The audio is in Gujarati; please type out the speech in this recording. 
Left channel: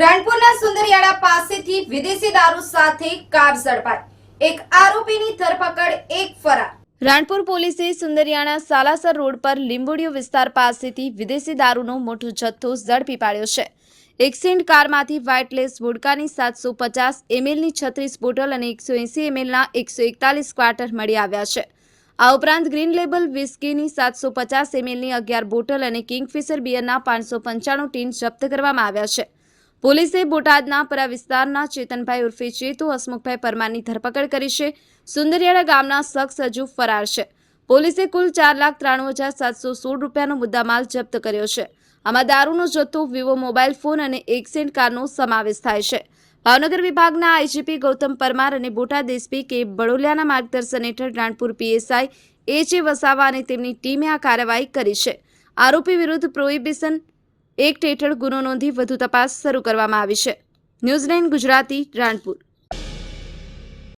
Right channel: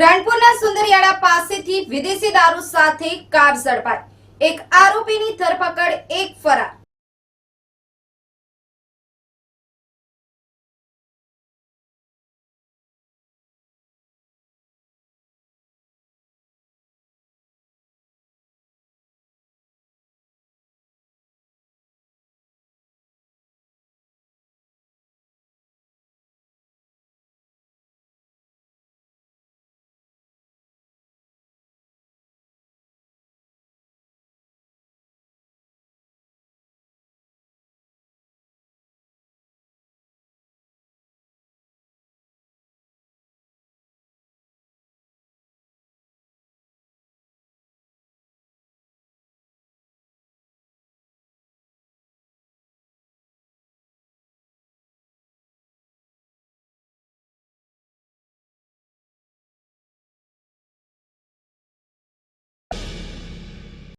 રાણપુરના સુંદરિયાળા પાસેથી વિદેશી દારૂ સાથે કાર ઝડપાઈ. એક આરોપીની ધરપકડ, એક ફરાર. રાણપુર પોલીસે સુંદરિયાણા સાલાસર રોડ પર લીંબોડીયો વિસ્તાર પાસેથી વિદેશી દારૂનો મોટો જથ્થો ઝડપી પાડ્યો છે. એક્સિન્ટ કારમાંથી વ્હાઇટલેસ વોડકાની સાતસો પચાસ એમએલની છત્રીસ બોટલ અને એકસો એંસી એમએલના એકસો એકતાલીસ ક્વાર્ટર મળી આવ્યા છે. આ ઉપરાંત ગ્રીન લેબલ વિસ્કીની સાતસો પચાસ એમએલની અગિયાર બોટલ અને કિંગફિશર બિયરના પાંચસો પંચાણું ટીન જપ્ત કરવામાં આવ્યા છે. પોલીસે બોટાદના પરા વિસ્તારના ચેતનભાઈ ઉર્ફે ચેતુ, હસમુખભાઈ પરમારની ધરપકડ કરી છે. સુંદરિયાળા ગામના શખ્સ હજુ ફરાર છે. પોલીસે કુલ ચાર લાખ ત્રાણું હજાર સાતસો સોળ રૂપિયાનો મુદ્દામાલ જપ્ત કર્યો છે. આમાં દારૂનો જથ્થો, વિવો મોબાઈલ ફોન અને એક્સેન્ટ કારનો સમાવેશ થાય છે. ભાવનગર વિભાગના આઈજીપી ગૌતમ પરમાર અને બોટાદ એસપી કે બડોલિયાના માર્ગદર્શન હેઠળ રાણપુર પીએસઆઈ એચ જે વસાવા અને તેમની ટીમે આ કાર્યવાહી કરી છે. આરોપી વિરુદ્ધ પ્રોહિબિશન એક્ટ હેઠળ ગુનો નોંધી વધુ તપાસ શરૂ કરવામાં આવી છે. ન્યૂઝ ગુજરાતી રાણપુર.